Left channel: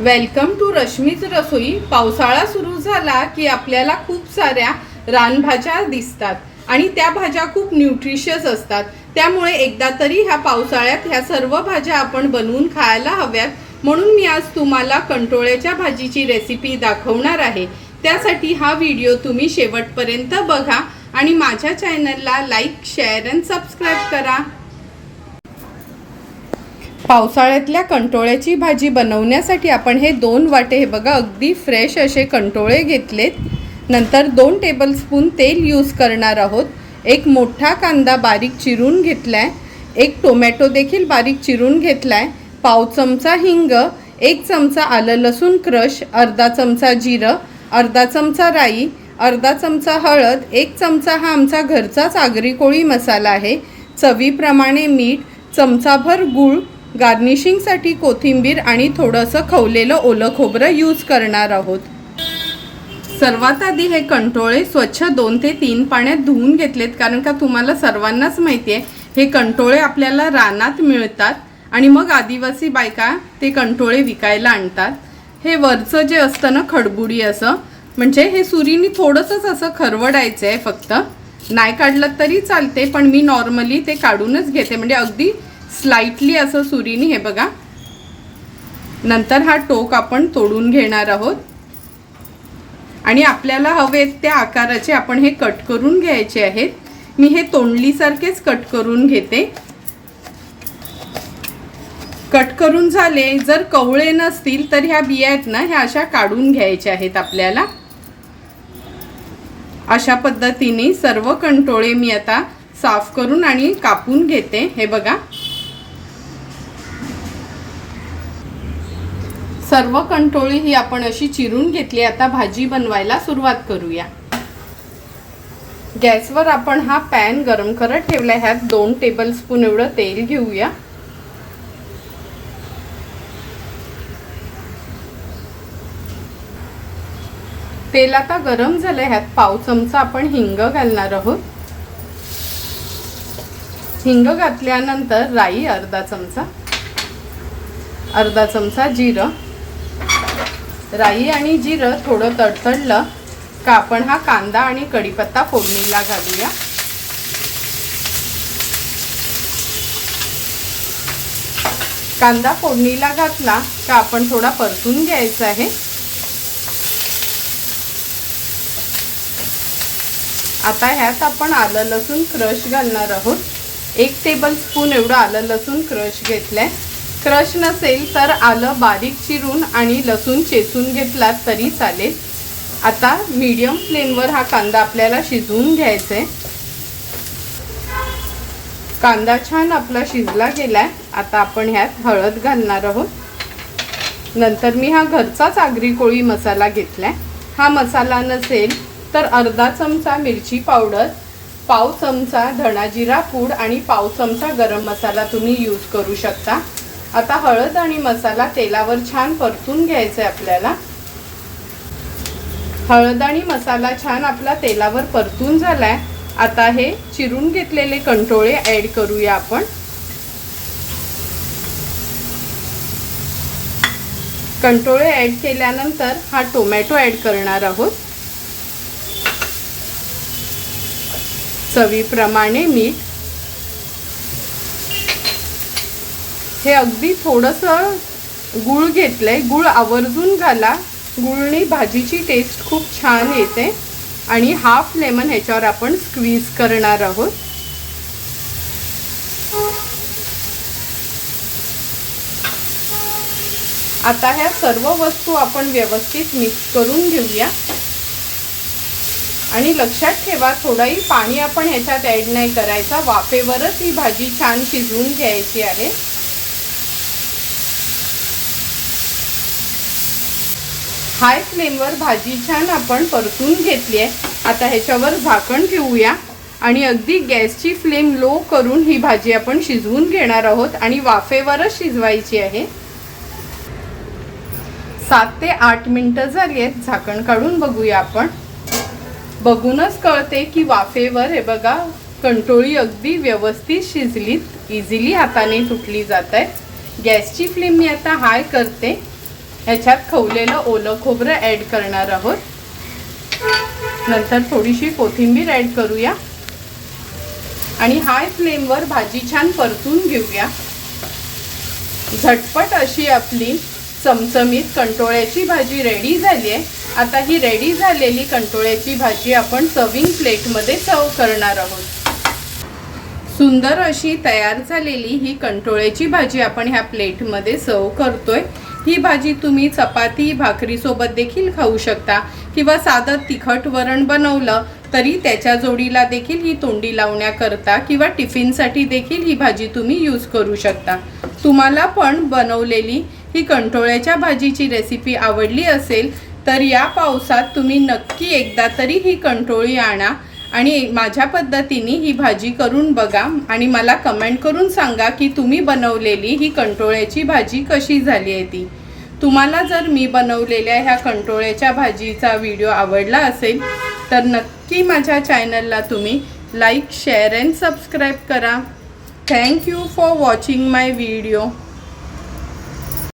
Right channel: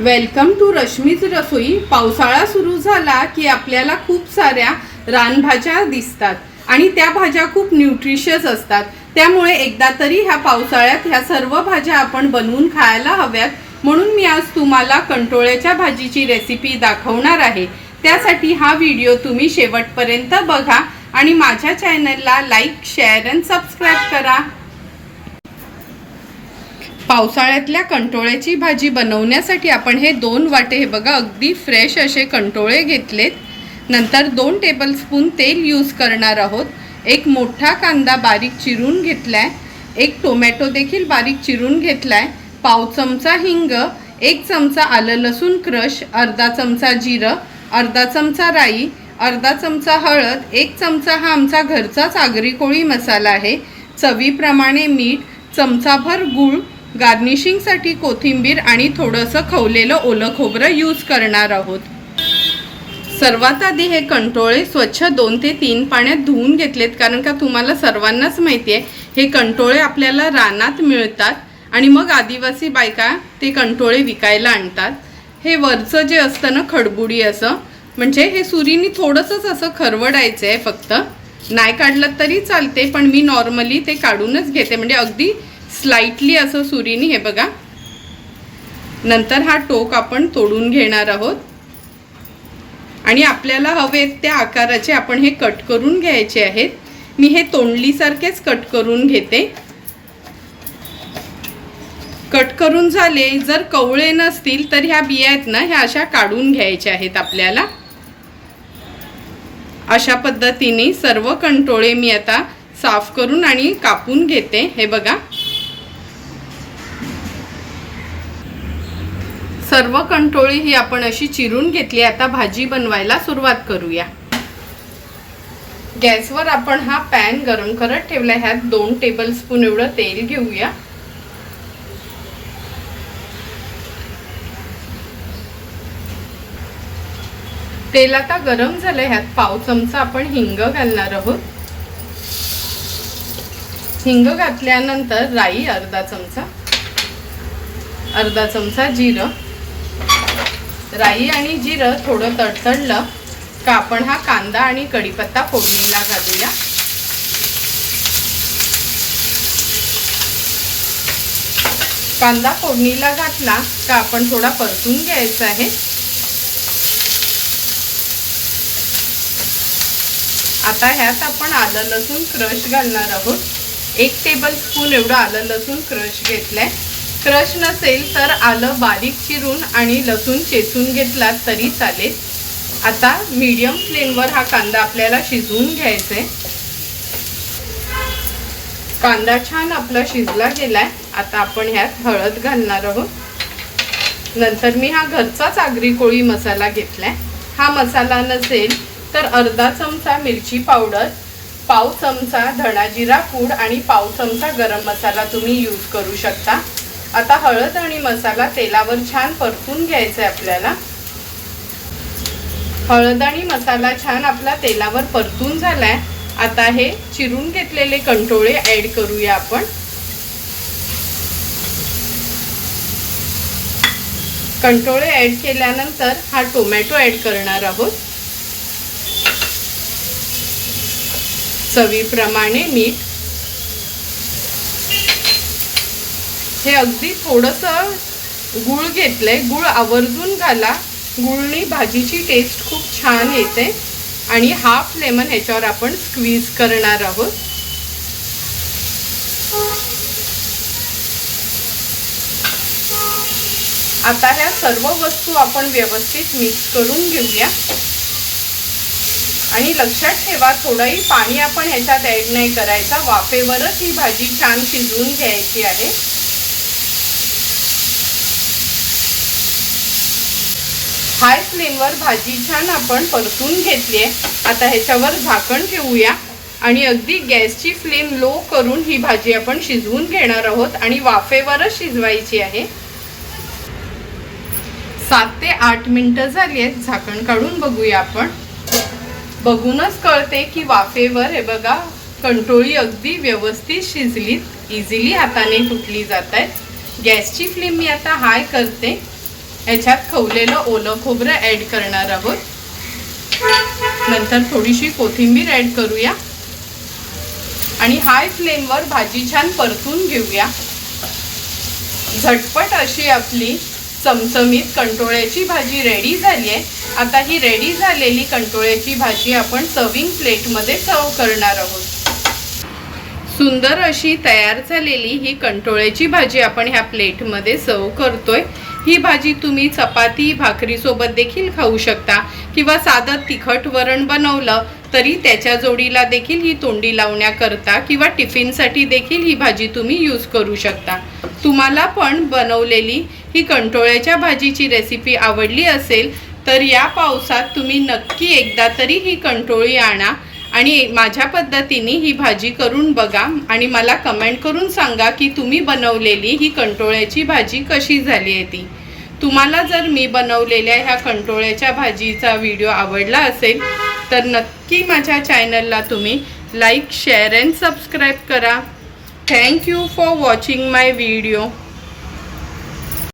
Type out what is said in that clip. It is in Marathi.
वेलकम टू रश्मीच रसोई पावसाळा सुरू झाला की आपल्याला खूप साऱ्या रानभाज्या दिसतात आणि त्या भाज्या खूप न्यूट्रिशियस असतात. त्यामुळे एकदा तरी ह्या पावसाळ्यात ह्या सर्व भाज्या आपण बनवून खायला हव्यात. म्हणून मी आज तुम्हाला कंटोळ्याच्या भाजीची रेसिपी दाखवणार आहे. त्यासाठी हा व्हिडिओ तुम्ही शेवटपर्यंत बघा आणि माझ्या चॅनलला लाईक शेअर अँड सबस्क्राईब करा. पावसाळ्यातल्या कंटोळ्याची भाजी बनवण्यासाठी आपण हे दोन वाटे हे बघा अगदी फ्रेश असे कंटोळे घेतलेत. नंतर दोन टेबलस्पून तेल यूज करणार आहोत. एक मोठा कांदा बारीक चिरून घेतला आहे एक टोमॅटो देखील बारीक चिरून घेतला आहे पाव चमचा हिंग एक चमचा आलं लसूण क्रश अर्धा चमचा जिरं अर्धा चमचा राई अर्धा चमचा हळद एक चमचा हा आमचा घरचाच आगरी कोळी मसाला आहे. चवीप्रमाणे मीठ चमचाभर गूळ गार्निशिंगसाठी कोथिंबीर आणि थोडंसं खवलेलं ओलं खोबरं यूज करणार आहोत. सर्वात आधी हे कंटोळे स्वच्छ दोन ते तीन पाण्यात धुवून घेतलेत कारण का तुम्हाला सर्वांनाच माहिती आहे हे कंटोळे आपल्याला रानात मिळतात आणि मग आदिवासी बायका ते कंटोळे विकायला आणतात. हे वरचं जे असतं ना खडबुडी असं म्हणजे हे सुरीनी थोडंसंच असं खरवडायचं आहे फक्त. नाही काढलं तरी चालते पण मी नॉर्मली ते काढूनच घेते. म्हणजे अगदी स्लाइटली असं सुरीनी हे बघा. नंतर हा टोक आपण तोडून घेणार आहोत. आणि आपल्याला हवेत त्या आकाराचे आपण हे कट करून घ्यायचे आहेत. मी हे तोंडलीसारखेच कट करून घेते. कट करून झाले जर कवळे नसतील तर ह्या बिया आहेत ना ह्या अशा काढून घ्यायच्या आहेत आपल्याला. अशा पद्धतीने सर्व कंटोळे मी आता साफ करून आणि कापून घेते हे बघा. सर्व कंटोळी ही आपण अशी चिरून घेतली. आता भाजी बनवायला सुरुवात करूया. गॅसवर आपण हा पॅन गरम करत ठेवला. ह्यात दोन टेबल स्पून एवढं तेल घेऊया. तेल आता गरम झालं. ह्यात पाव चमचा आपण हिंग घालणार आहोत. हिंग घातल्यानंतर राई अर्धा चमचा अर्धा चमचा जिरं. राई आणि जिरं थोडं तडतडलं का आपण हा कांदा आणि कढीपत्ता फोडणीला घालूया. कांदा फोडणीला घातला का आपण थोडा परतून घ्यायचा आहे. आता ह्यात आपण आलं लसूण क्रश घालणार आहोत. एक टेबल स्पून एवढं आलं लसूण क्रश घेतलंय. क्रश नसेल तर आलं बारीक चिरून आणि लसूण चेचून घेतलात तरी चालेल. आता मीडियम फ्लेमवर हा कांदा आपल्याला शिजवून घ्यायचा आहे कांदा छान आपला शिजला गेलाय. आता आपण ह्यात हळद घालणार आहोत. नंतर मी हा घरचाच आगरी कोळी मसाला घेतलाय. हा मसाला नसेल तर अर्धा चमचा मिरची पावडर पाव चमचा धणाजिरा पूड आणि पाव चमचा गरम मसाला तुम्ही यूज करू शकता. आता हळद आणि मसाला तेलावर छान परतून घ्यायचा आहे आपल्याला. हळद आणि मसाला छान आपला तेलावर परतून झालाय. आता हे चिरून घेतलेले कंटोळे ऍड करूया आपण. कंटोळे ऍड केल्यानंतर हा टोमॅटो ऍड करणार आहोत. चवीप्रमाणे मीठ हे अगदी थोडंसं गुळ आहे गुळ आवर्जून घाला. गुळनी भाजीची टेस्ट खूप छान येते. आणि हाफ लेमन ह्याच्यावर आपण स्क्वीज करणार आहोत. आता ह्या सर्व वस्तू आपण व्यवस्थित मिक्स करून घेऊया. आणि लक्षात ठेवा थोडंही पाणी आपण ह्याच्यात ॲड नाही करायचा. वाफेवरच ही भाजी छान शिजवून घ्यायची आहे. हाय फ्लेमवर भाजी छान आपण परतून घेतली आहे. आता ह्याच्यावर झाकण ठेवूया. आणि अगदी गॅसची फ्लेम लो करून ही भाजी आपण शिजवून घेणार आहोत आणि वाफेवरच शिजवायची आहे. सात ते आठ मिनटं झाली आहेत. झाकण काढून बघूया आपण. बघूनच कळते की वाफेवर हे बघा कंटोळी अगदी व्यवस्थित शिजलीत. इझिली हाताने तुटली जात आहेत. गॅसची फ्लेम मी आता हाय करते. ह्याच्यात खवलेलं ओलं खोबरं ॲड करणार आहोत. नंतर थोडीशी कोथिंबीर ॲड करूया. आणि हाय फ्लेमवर भाजी छान परतून घेऊया. झटपट अशी आपली चमचमीत कंटोळ्याची भाजी रेडी झाली आहे आता ही रेडी झालेली कंटोळ्याची भाजी आपण सर्विंग प्लेटमध्ये सर्व करणार आहोत. सुंदर अशी तयार झालेली ही कंटोळ्याची भाजी आपण ह्या प्लेटमध्ये सर्व करतोय. ही भाजी तुम्ही चपाती भाकरीसोबत देखील खाऊ शकता किंवा साधं तिखट वरण बनवलं तरी त्याच्या जोडीला देखील ही तोंडी लावण्याकरता किंवा टिफिनसाठी देखील ही भाजी तुम्ही यूज करू शकता. तुम्हाला पण बनवलेली ही कंटोळ्याच्या भाजीची रेसिपी आवडली असेल तर या पावसात तुम्ही नक्की एकदा तरी ही कंटोळी आणा. आणि माझ्या पद्धतीने ही भाजी करून बघा आणि मला कमेंट करून सांगा की तुम्ही बनवलेली ही कंटोळ्याची भाजी कशी झाली आहे ती. तुम्हाला जर मी बनवलेल्या ह्या कंटोळ्याच्या भाजीचा व्हिडिओ आवडला असेल तर नक्की माझ्या चॅनलला तुम्ही लाईक शेअर अँड सबस्क्राईब करा. Thank you for watching my video